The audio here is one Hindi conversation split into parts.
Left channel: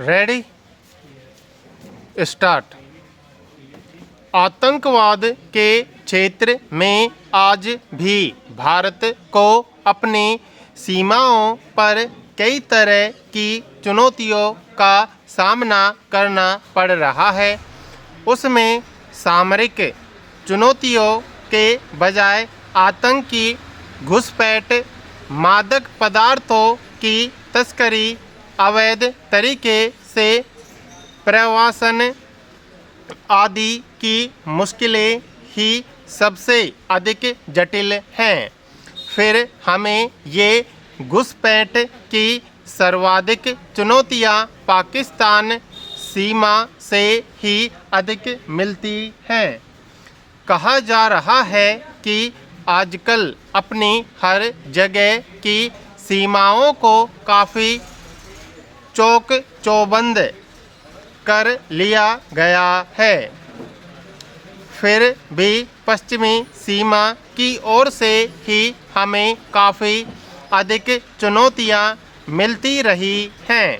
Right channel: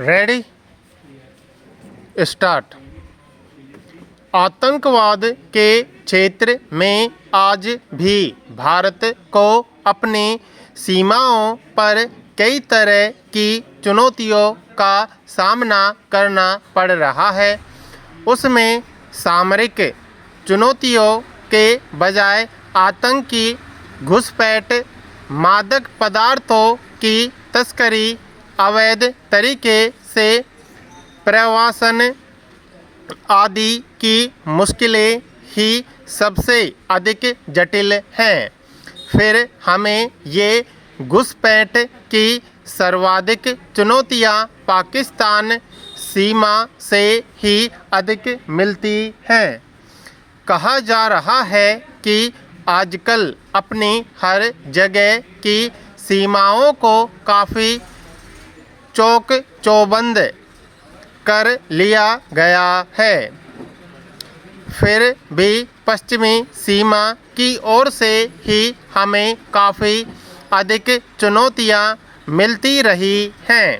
Ready start. आतंकवाद के क्षेत्र में आज भी भारत को अपनी सीमाओं पर कई तरह की चुनौतियों का सामना करना पड़ रहा है। उसमें सामरिक चुनौतियों के बजाय आतंकी घुसपैठ, मादक पदार्थों की तस्करी, अवैध तरीके से प्रवासन आदि की मुश्किलें ही सबसे अधिक जटिल हैं। फिर हमें ये घुसपैठ की सर्वाधिक चुनौतियां पाकिस्तान सीमा से ही अधिक मिलती हैं। कहा जा रहा है कि आजकल अपनी हर जगह की सीमाओं को काफ़ी चौक चौबंद कर लिया गया है। फिर भी पश्चिमी सीमा की ओर से ही हमें काफ़ी अधिक चुनौतियां मिलती रही हैं।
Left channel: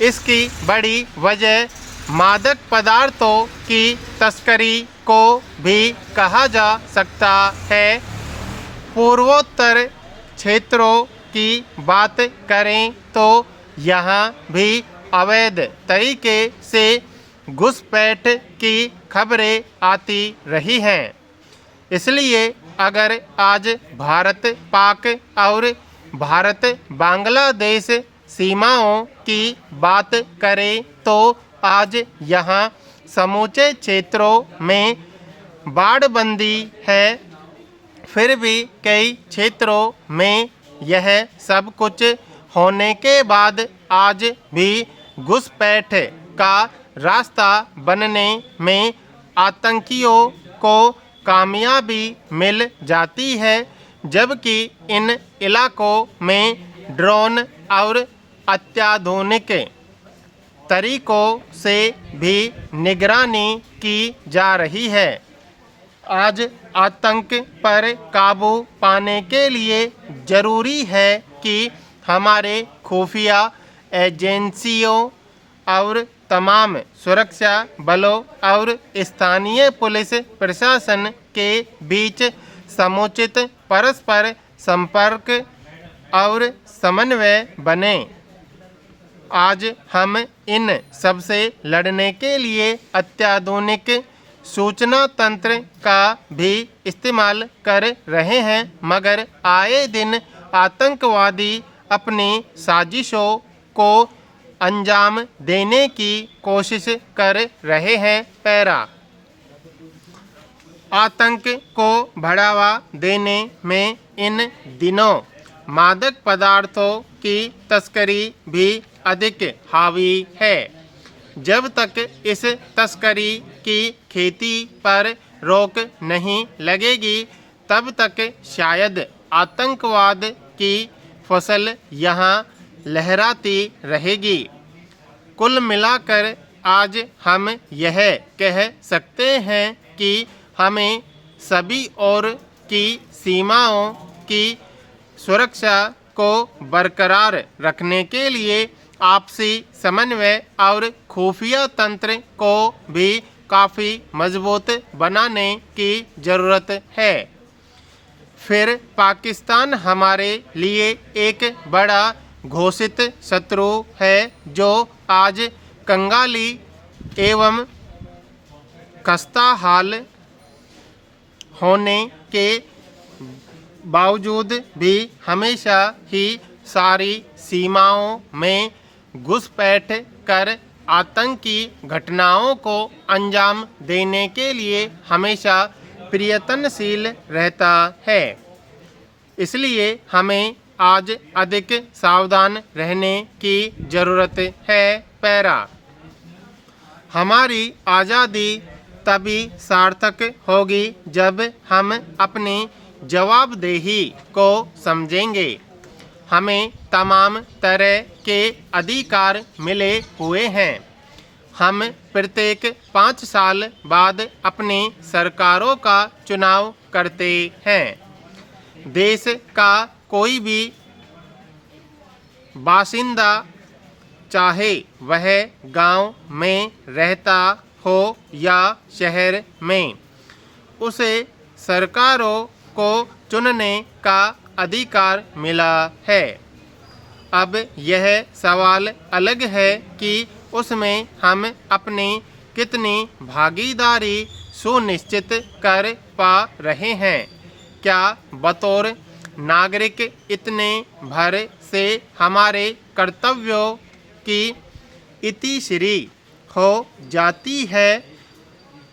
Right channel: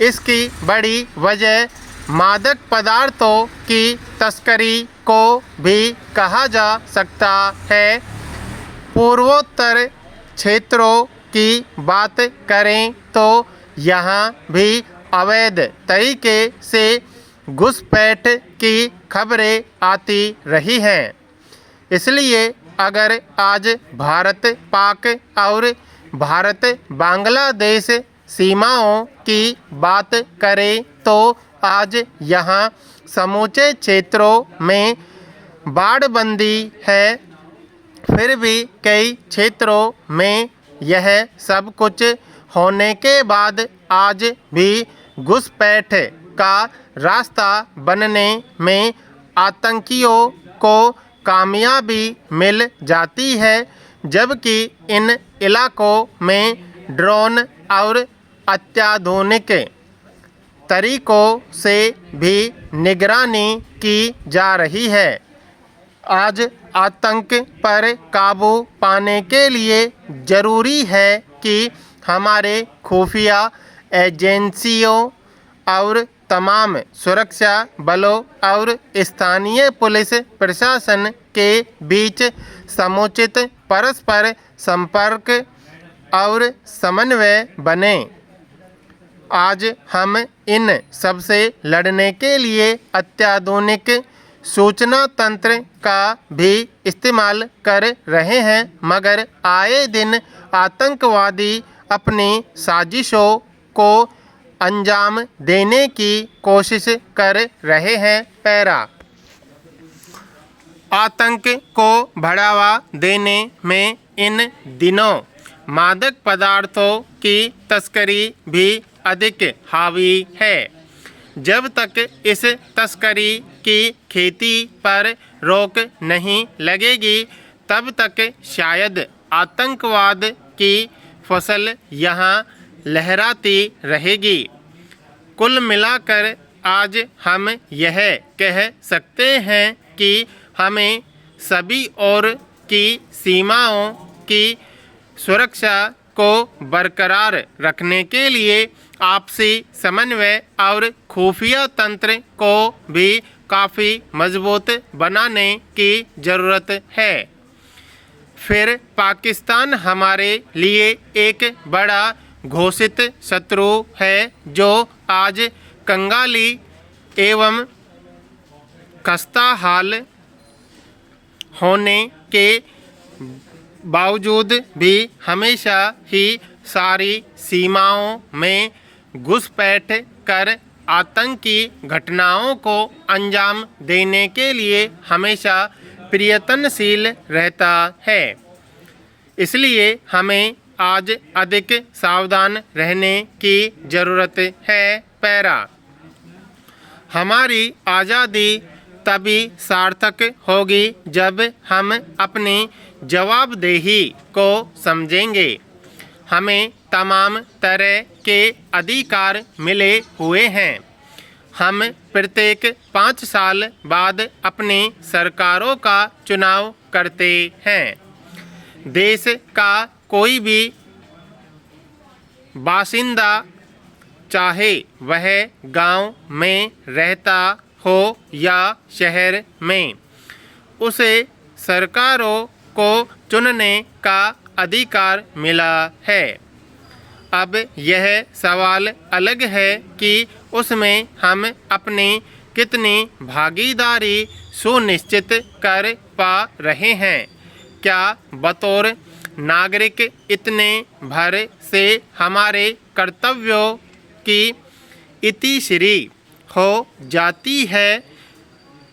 इसकी बड़ी वजह मादक पदार्थों की तस्करी को भी कहा जा सकता है। पूर्वोत्तर क्षेत्रों की बात करें तो यहाँ भी अवैध तरीके से घुसपैठ की खबरें आती रही हैं। इसलिए अगर आज भारत पाक और भारत बांग्लादेश सीमाओं की बात करें तो आज यहाँ समूचे क्षेत्रों में बाड़बंदी है। फिर भी कई क्षेत्रों में यह सब कुछ होने के बाद आज भी घुसपैठ का रास्ता बनने में आतंकियों को कामयाबी मिल जाती है, जबकि इन इलाकों में ड्रोन और अत्याधुनिक तरीकों से भी निगरानी की जा रही है। आज आतंक पर काबू पाने के लिए ज़रूरी है कि हमारे खुफिया एजेंसियों और तमाम सुरक्षा बलों और स्थानीय पुलिस प्रशासन के बीच समुचित परस्पर संपर्क और समन्वय बने। आज हम इन सबसे लड़ने के लिए अत्याधुनिक सूचना तंत्र का भी इस्तेमाल कर रहे हैं, मगर आए दिन आतंकवादी अपनी साजिशों को अंजाम देने की कोशिश कर रहे हैं। पैरा आतंक को बढ़ावा देने में इन दिनों मादक पदार्थों की तस्करी भी अधिक हावी है। जब तक इस तस्करी की खेती पर रोक नहीं लगेगी, तब तक शायद आतंकवाद की फसल यहाँ लहराती रहेगी। कुल मिलाकर आज हम यह कह सकते हैं कि हमें सभी ओर की सीमाओं की सुरक्षा को बरकरार रखने के लिए आपसी समन्वय और खुफिया तंत्र को भी काफ़ी मजबूत बनाने की ज़रूरत है। फिर पाकिस्तान हमारे लिए एक बड़ा घोषित शत्रु है, जो आज कंगाली एवं खस्ता हाल होने के बावजूद भी हमेशा ही सारी सीमाओं में घुसपैठ कर आतंकी घटनाओं को अंजाम देने के लिए हमेशा प्रयत्नशील रहता है। इसलिए हमें आज अधिक सावधान रहने की ज़रूरत है। पैरा हमारी आज़ादी तभी सार्थक होगी जब हम अपनी जवाबदेही को समझेंगे। हमें तमाम तरह के अधिकार मिले हुए हैं। हम प्रत्येक 5 साल बाद अपनी सरकारों का चुनाव करते हैं। देश का कोई भी बासिंदा चाहे वह गांव में रहता हो या शहर में। उसे सरकारों को चुनने का अधिकार मिला है। अब यह सवाल अलग है कि उसमें हम अपनी कितनी भागीदारी सुनिश्चित कर पा रहे हैं। क्या बतौर नागरिक इतने भर से हमारे कर्तव्यों की इतिश्री हो जाती है?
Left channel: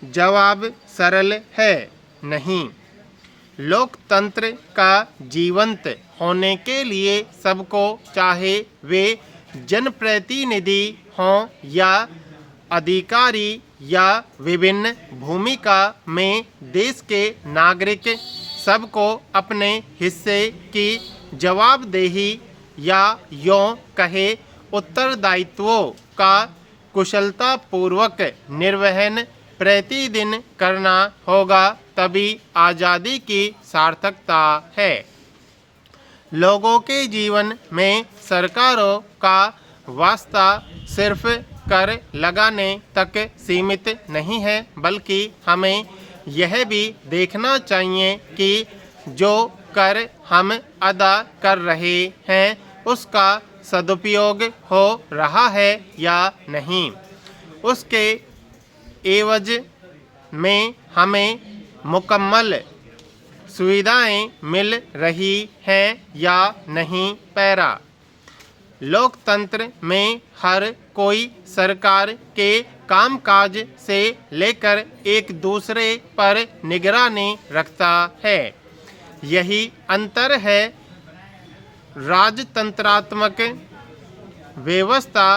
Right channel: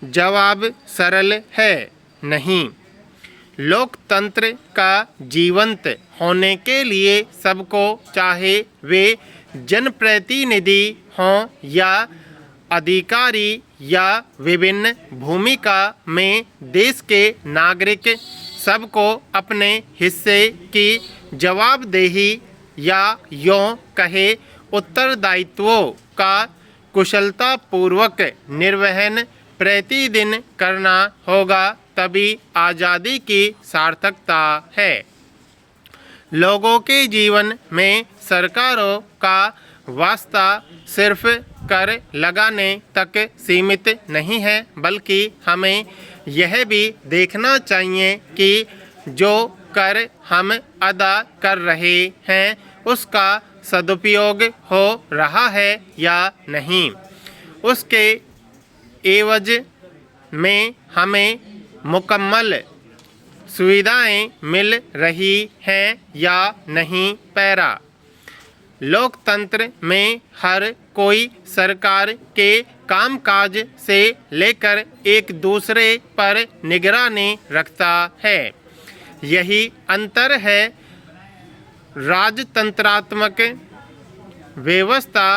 जवाब सरल है, नहीं। लोकतंत्र का जीवंत होने के लिए सबको, चाहे वे जनप्रतिनिधि हों या अधिकारी या विभिन्न भूमिका में देश के नागरिक, सबको अपने हिस्से की जवाबदेही या यों कहे उत्तरदायित्वों का कुशलतापूर्वक निर्वहन प्रतिदिन करना होगा, तभी आज़ादी की सार्थकता है। लोगों के जीवन में सरकारों का वास्ता सिर्फ कर लगाने तक सीमित नहीं है, बल्कि हमें यह भी देखना चाहिए कि जो कर हम अदा कर रहे हैं उसका सदुपयोग हो रहा है या नहीं। उसके एवज में हमें मुकम्मल सुविधाएं मिल रही हैं या नहीं। पैरा। लोकतंत्र में हर कोई सरकार के कामकाज से लेकर एक दूसरे पर निगरानी रखता है। यही अंतर है राजतंत्रात्मक व्यवस्था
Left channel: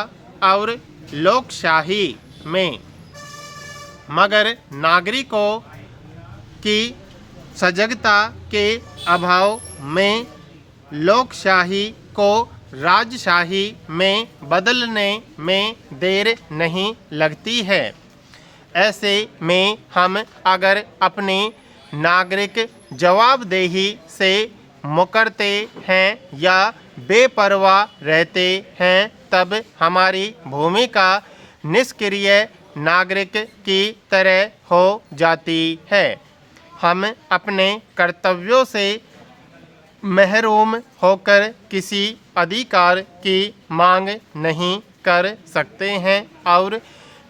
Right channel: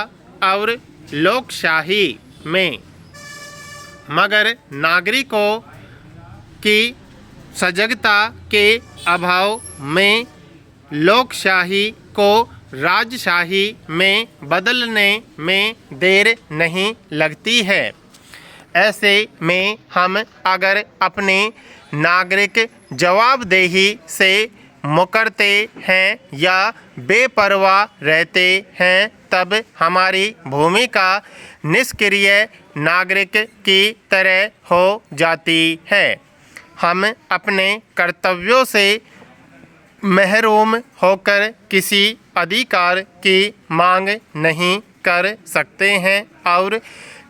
और लोकशाही में। मगर नागरिकों की सजगता के अभाव में लोकशाही को राजशाही में बदलने में देर नहीं लगती है। ऐसे में हम अगर अपने नागरिक जवाबदेही से मुकरते हैं या बेपरवाह रहते हैं, तब हमारी भूमिका निष्क्रिय नागरिक की तरह हो जाती है। हम अपने कर्तव्यों से महरूम होकर किसी अधिकार की मांग नहीं कर सकते हैं और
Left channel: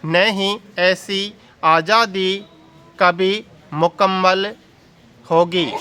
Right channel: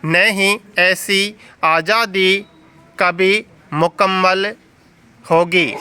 न ही ऐसी आज़ादी कभी मुकम्मल होगी।